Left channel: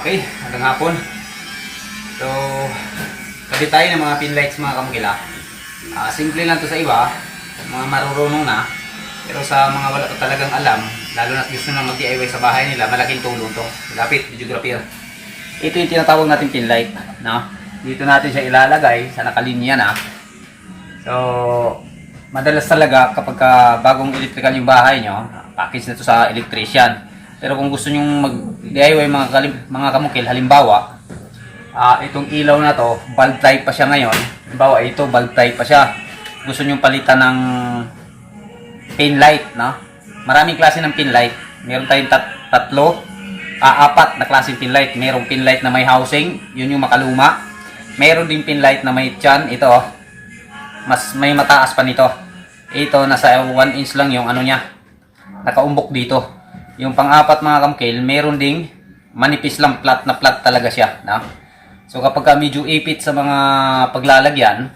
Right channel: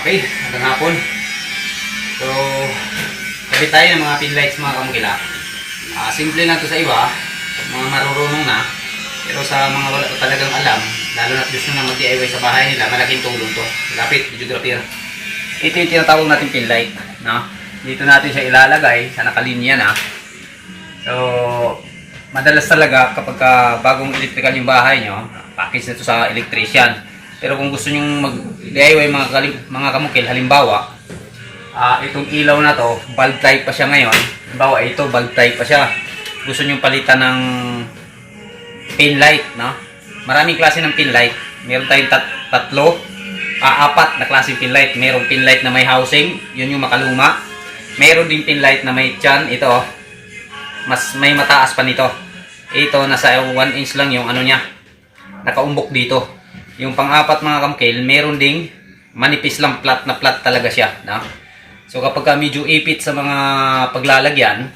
Okay, magandang hapon. So, kabit tayo ng mga pin lights mga kamukila. Simple lang to sa iba, mga marurunong na. Pero sa mga wala ko talagang alam, lalo na gusto nang mag-DIY sa bahay nila, malaking tulong to. Lapit, videographer. Ito yung tinatawag natin pin light. No? Dito natin siya ilalagay sa nakalinya na. So, madalas talaga kapag bagong electrical yung bahay nyo, package na to sa electrician. Pero kung gusto nyo mag-DIY mga kamukil, halimbawa, itong ilaw na to, bulb type pa siya ngayon. Halimbawa, ito, bulb type pa siya. Gusto nyo palitan ng pin light, no? Maraming klase ng pin light. Meron tayong apat na klaseng pin light. Merong pin light na may housing, yun yung makaluma. Meron din pin light na may tiyan, ito, mas may mataas pa nito. Ito, nasa 1 inch lang yung ano niya, nakaumbok dito. Yung pang-apat mga kamukil, meron ding manipis lang, flat na flat talaga siya, no? So kapag medyo ipit sa mga paglalagyan,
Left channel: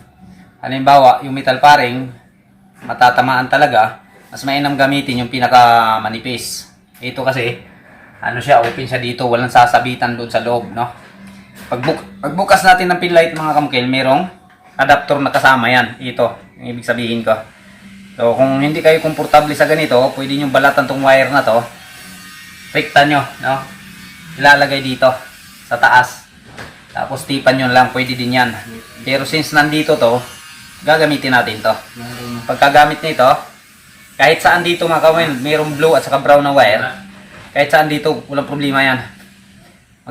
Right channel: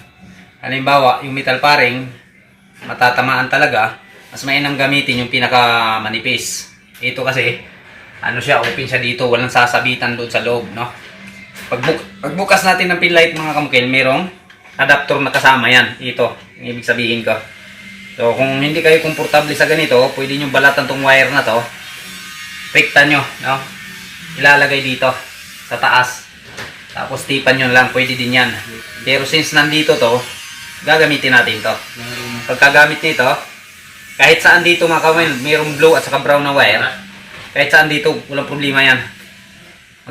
halimbawa yung metal paring matatamaan talaga, mas mainam gamitin yung pinaka manipis. Ito kasi ano siya, open siya dito, walang sasabitan doon sa loob, no? Pagbukas natin ng pin light mga kamukil, merong adapter na kasama yan. Ito, yung ibig sabihin ko. So kung hindi kayo komportable sa ganito, pwede nyo balatan tong wire na to. Rekta nyo, no? Ilalagay dito sa taas. Tapos tipan nyo lang, pwede din yan. Pero since nandito to, gagamitin natin to. Pagkagamit nito, kahit saan dito mga kamukil, mayroong blue at saka brown na wire. Kahit saan dito, walang problema yan.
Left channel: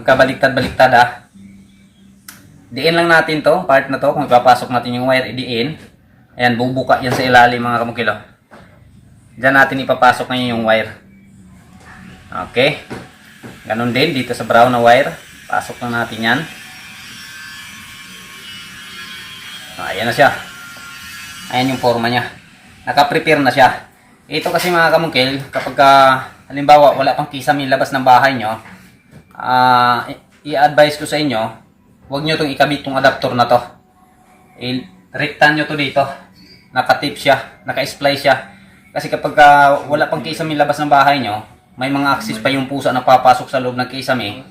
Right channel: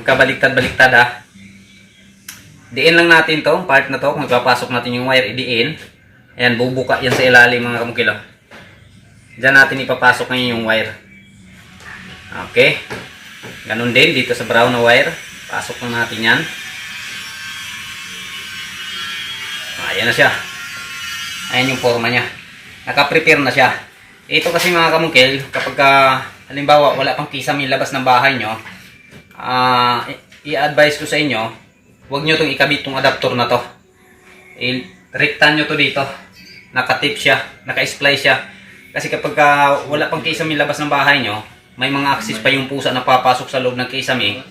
Magkabaliktad-baliktad ha. Diin lang natin to, part na to, kung ipapasok natin yung wire, idiin. Ayan, bubuka yan sa ilalim mga kamukil. Diyan natin ipapasok ngayon yung wire. Okay. Ganun din dito sa brown na wire. Pasok lang natin yan. Ayan na siya. Ayan yung forma niya. Naka-prepare na siya. Ito kasi mga kamukil, kapag halimbawa wala pang kisame labas ng bahay nyo, i-advise ko sa inyo, huwag nyo itong ikabit itong adapter na to. Rektan nyo to dito. Naka-tip siya. Naka-splice siya. Kasi kapag wala pang kisame labas ng bahay nyo, may mga access pa yung pusa na papasok sa loob ng kisame.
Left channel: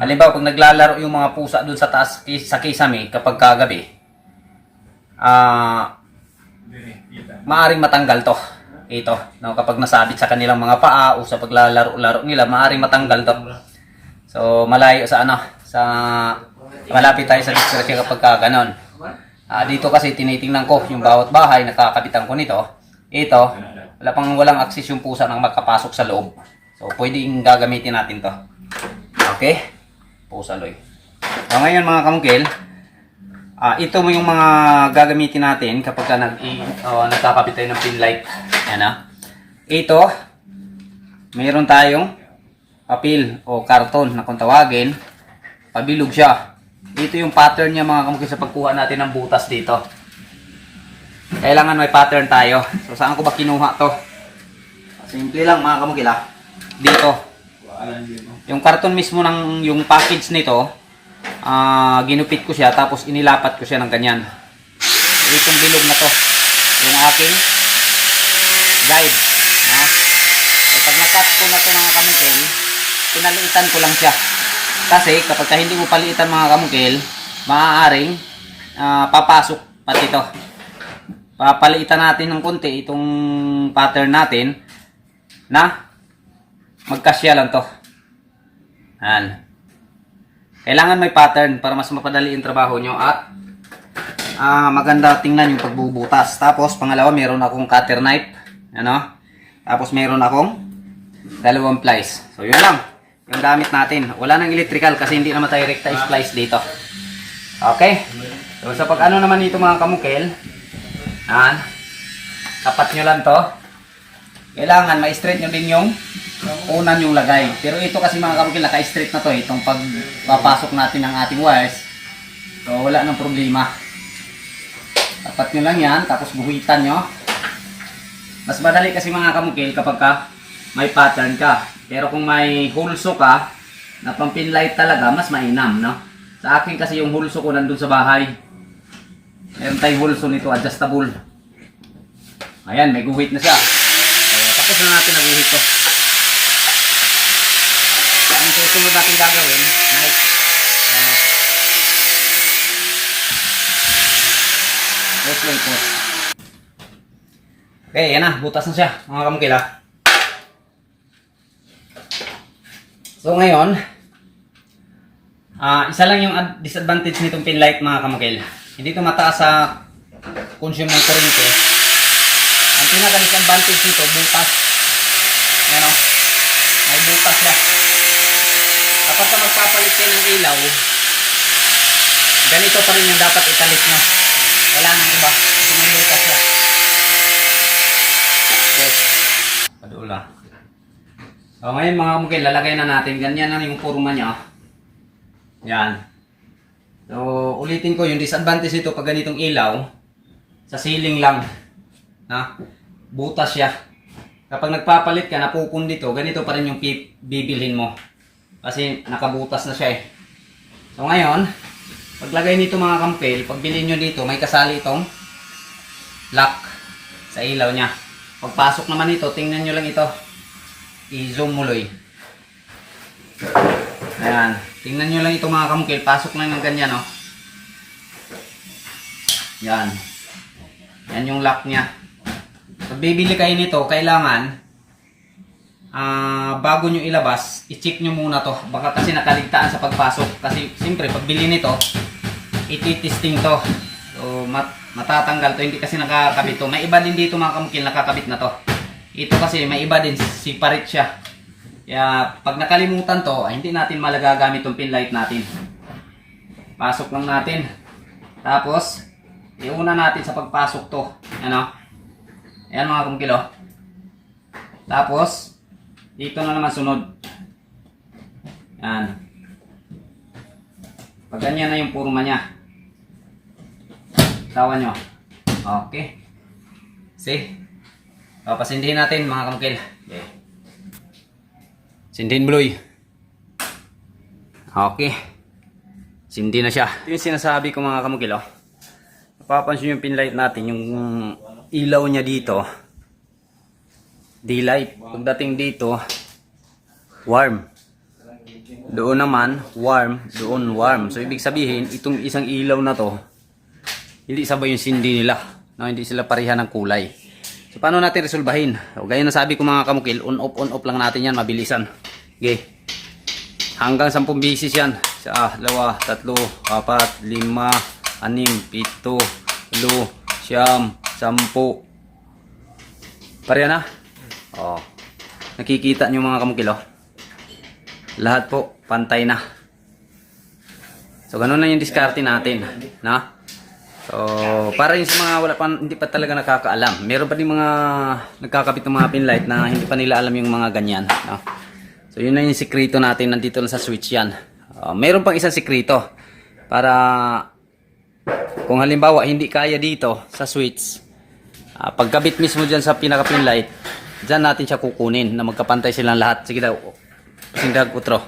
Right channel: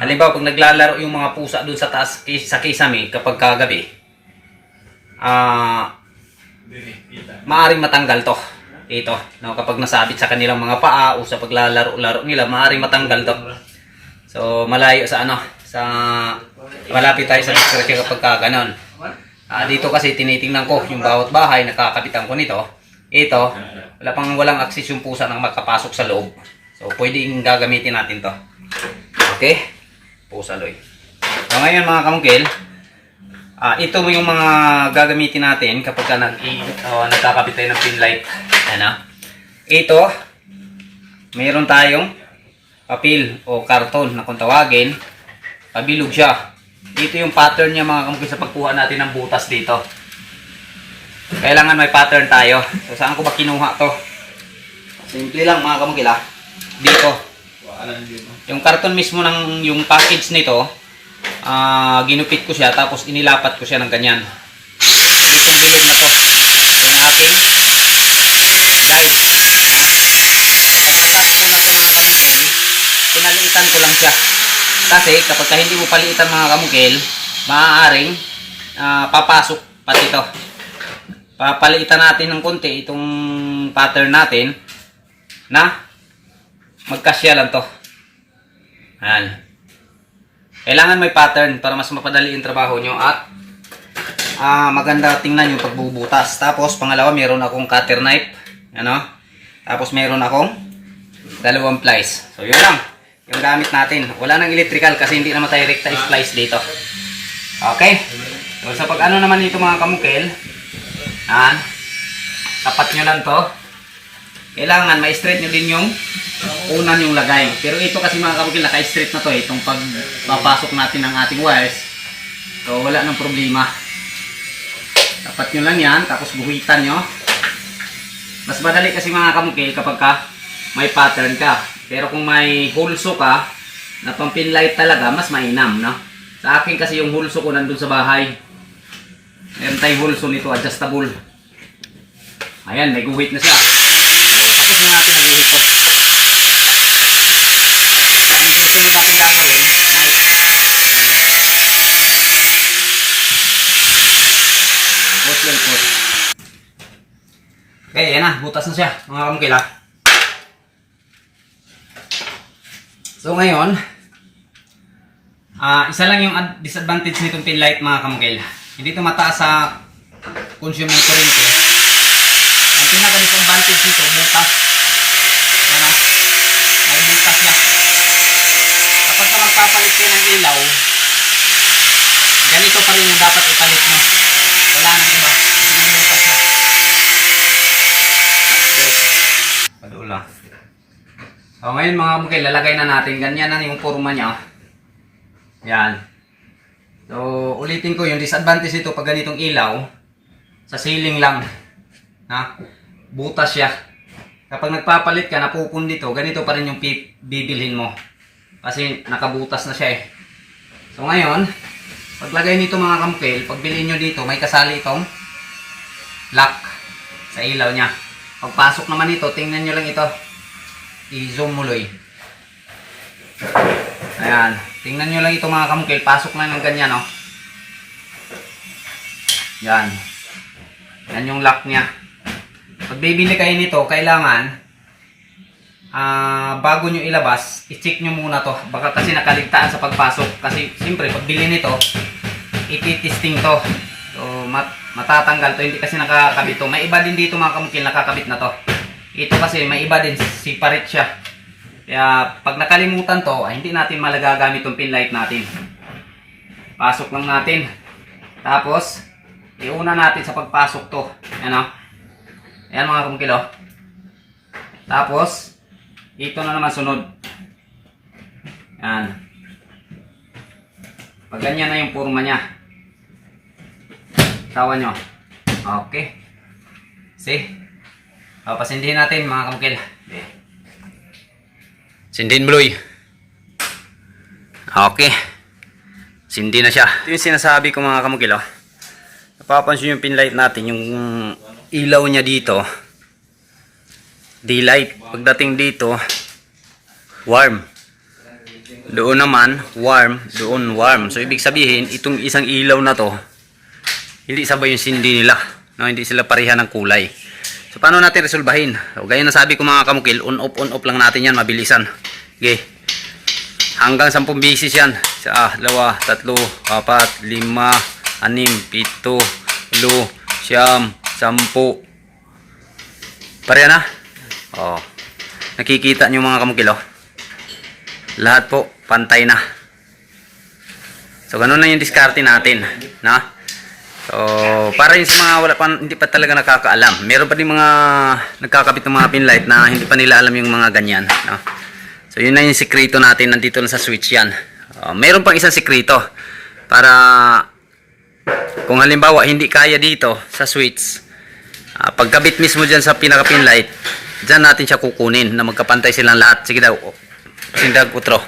Halimbawa, pag naglalaro yung mga pusa doon sa taas sa kisame kapag kagabi, maaring matanggal to. Ito, no, kapag nasabit sa kanilang mga paa o sa paglalaro-laro nila, maaring matanggal to. So, malayo sa malapit tayo sa discretion kapag ganon. Dito kasi tinitingnan ko yung bawat bahay, nakakapitan ko nito. Ito, walang access yung pusa na makapasok sa loob. So, pwedeng gagamitin natin to. Okay? Pusa loy. So, ngayon mga kamukil, ito yung mga gagamitin natin kapag nagkakapit tayo ng pin light. Ano? Ito, mayroon tayong papel o karton na kung tawagin, pabilog siya. Dito yung pattern niya mga kamukil sa pagkuha natin ng butas dito. Kailangan may pattern tayo. So, saan ko ba kinuha to? Simple lang mga kamukil dito. Yung karton mismo ng yung package nito, ginupit ko siya tapos inilapat ko siya ng ganyan. Itong bilog na to, yung aking guide. So, pag nakat ko na to mga kamukil, pinaliitan ko lang siya. Kasi kapag hindi mo paliitan mga kamukil, maaaring papasok pati ito. Papaliitan natin ng konti itong pattern natin na magkasya lang to. Ayan. Kailangan may pattern para mas mapadali yung trabaho nyo at maganda tingnan yung pagbubutas. Tapos pangalawa, meron akong cutter knife. Ano? Tapos meron akong 2 plies. So yun lang yung gamit natin. Wala nang electrical kasi hindi naman tayo recta splice dito. Okay? So sa pag-ano naman nito mga kamukil, tapat nyo lang to. Kailangan ma-straight nyo din yung unan yung lagay. Pero ito kasi mga kamukil, naka-straight na to. Itong pagpapasok natin ng ating wires. So wala nang problema. Tapat nyo lang yan. Tapos guhitan nyo. Mas madali kasi mga kamukil kapag may pattern ka. Pero kung may hulso ka na pang pin light talaga, mas mainam, no? Sa akin kasi yung hulso ko nandun sa bahay. Meron tayong hulso nito, adjustable. Ayan, may guhit na siya. So, tapos na natin ang guhit ko. susunod natin gagawin, night. Wait. Okay, yan na. Butas na siya, mga kamukil ha. So ngayon, isa lang yung disadvantage nitong pin light mga kamukil. Hindi ito mataas sa consume ng kuryente. Ang pinaka-disadvantage nito, butas. Ano? May butas siya. Kapag ka magpapalit kayo ng ilaw, ganito pa rin yung dapat ipalit nyo. Wala nang iba. Kasi may butas siya. Okay. Padula. So ngayon mga kamukil, lalagay na natin. Ganyan na yung forma niya. Yan. So ulitin ko, yung disadvantage nito pag ganitong ilaw, sa ceiling lang. Ha? Butas siya. Kapag nagpapalit ka, napupundit ito, ganito pa rin yung bibilhin mo. Kasi nakabutas na siya eh. So ngayon, paglagay nito mga kamukil, pag bilhin nyo dito, may kasali itong lock sa ilaw niya. Pagpasok naman ito, tingnan nyo lang ito. I-zoom mo loy. Ayan. Tingnan nyo lang ito mga kamukil. Pasok lang ng ganyan, no? Yan. Yan yung lock niya. Pag bibili kayo nito, kailangan bago nyo ilabas, i-check nyo muna to. Baka kasi nakaligtaan sa pagpasok. Kasi siyempre, pag bili nito, iti-testing to. So, matatanggal to. Hindi kasi nakakabit to. May iba din dito mga kamukil, nakakabit na to. Ito kasi may iba din, separate siya. Kaya pag nakalimutan to, ay hindi natin malagagamit tong pin light natin. Pasok lang natin. Tapos, iuna natin sa pagpasok to. Ano? Ayan mga kamukil, oh. Tapos, dito na naman sunod. Ayan. Pag ganyan na yung forma niya. Tawa nyo. Okay. See? O, pasindihin natin mga kamukil. Okay. Sindihin bloy. Okay. Sindi na siya. Ito yung sinasabi ko mga kamukil. Oh. Napapansin yung pin light natin. Yung ilaw niya dito. Daylight. Pagdating dito, warm. Doon naman, warm. Doon warm. So, ibig sabihin, itong isang ilaw na to, hindi sabay yung sindi nila. No? Hindi sila pareha ng kulay. So, paano natin resolbahin? So, gaya na sabi ko mga kamukil, on off lang natin yan, mabilisan. Okay. Hanggang 10 bisis yan. 1, 2, 3, 4, 5, 6, 7, 8, 9, 10. Pareha na? Oh. Nakikita nyo mga kamukil, oh. Lahat po, pantay na. So, ganun lang yung diskarte natin. Na? So, para yun sa mga wala pa, hindi pa talaga nakakaalam. Meron pa din mga nagkakabit ng mga pin light na hindi pa nila alam yung mga ganyan. No? So, yun na yung sikreto natin. Nandito lang sa switch yan. Meron pang isang sikreto. Para kung halimbawa hindi kaya dito sa switch, pagkabit mismo dyan sa pinaka pin light, dyan natin siya kukunin na magkapantay silang lahat. Sige daw, sindag utro.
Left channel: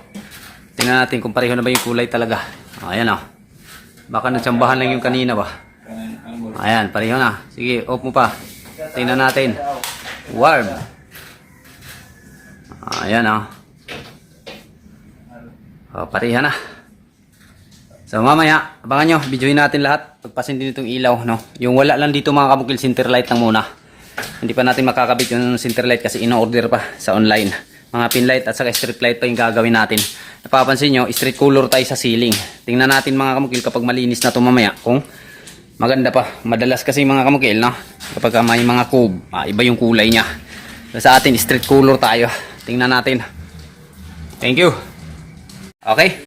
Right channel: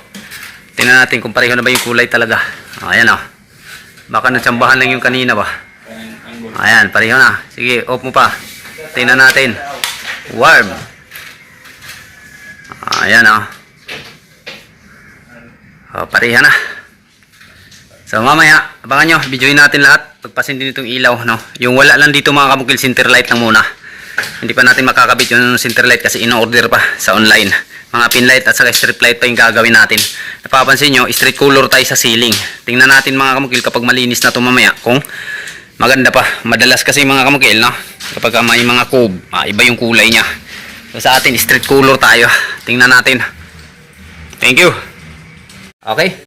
Tingnan natin kung pareho na ba yung kulay talaga. Ayan o. Baka natsambahan lang yung kanina ba. Ayan, pareho na. Sige, off mo pa. Tingnan natin. Warm. Ayan o. Pareho na. So mamaya, abangan nyo. Videoin natin lahat. Pagpasin din itong ilaw. No? Yung wala lang dito mga kamukil, center light lang muna. Hindi pa natin makakabit yung center light kasi ino-order pa sa online. Mga pin light at saka strip light pa yung gagawin natin. Napapansin nyo, straight color tayo sa ceiling. Tingnan natin mga kamukil kapag malinis na ito mamaya. Kung maganda pa. Madalas kasi mga kamukil, no? Kapag may mga cove, iba yung kulay niya. So, sa atin, straight color tayo. Tingnan natin. Thank you. Okay.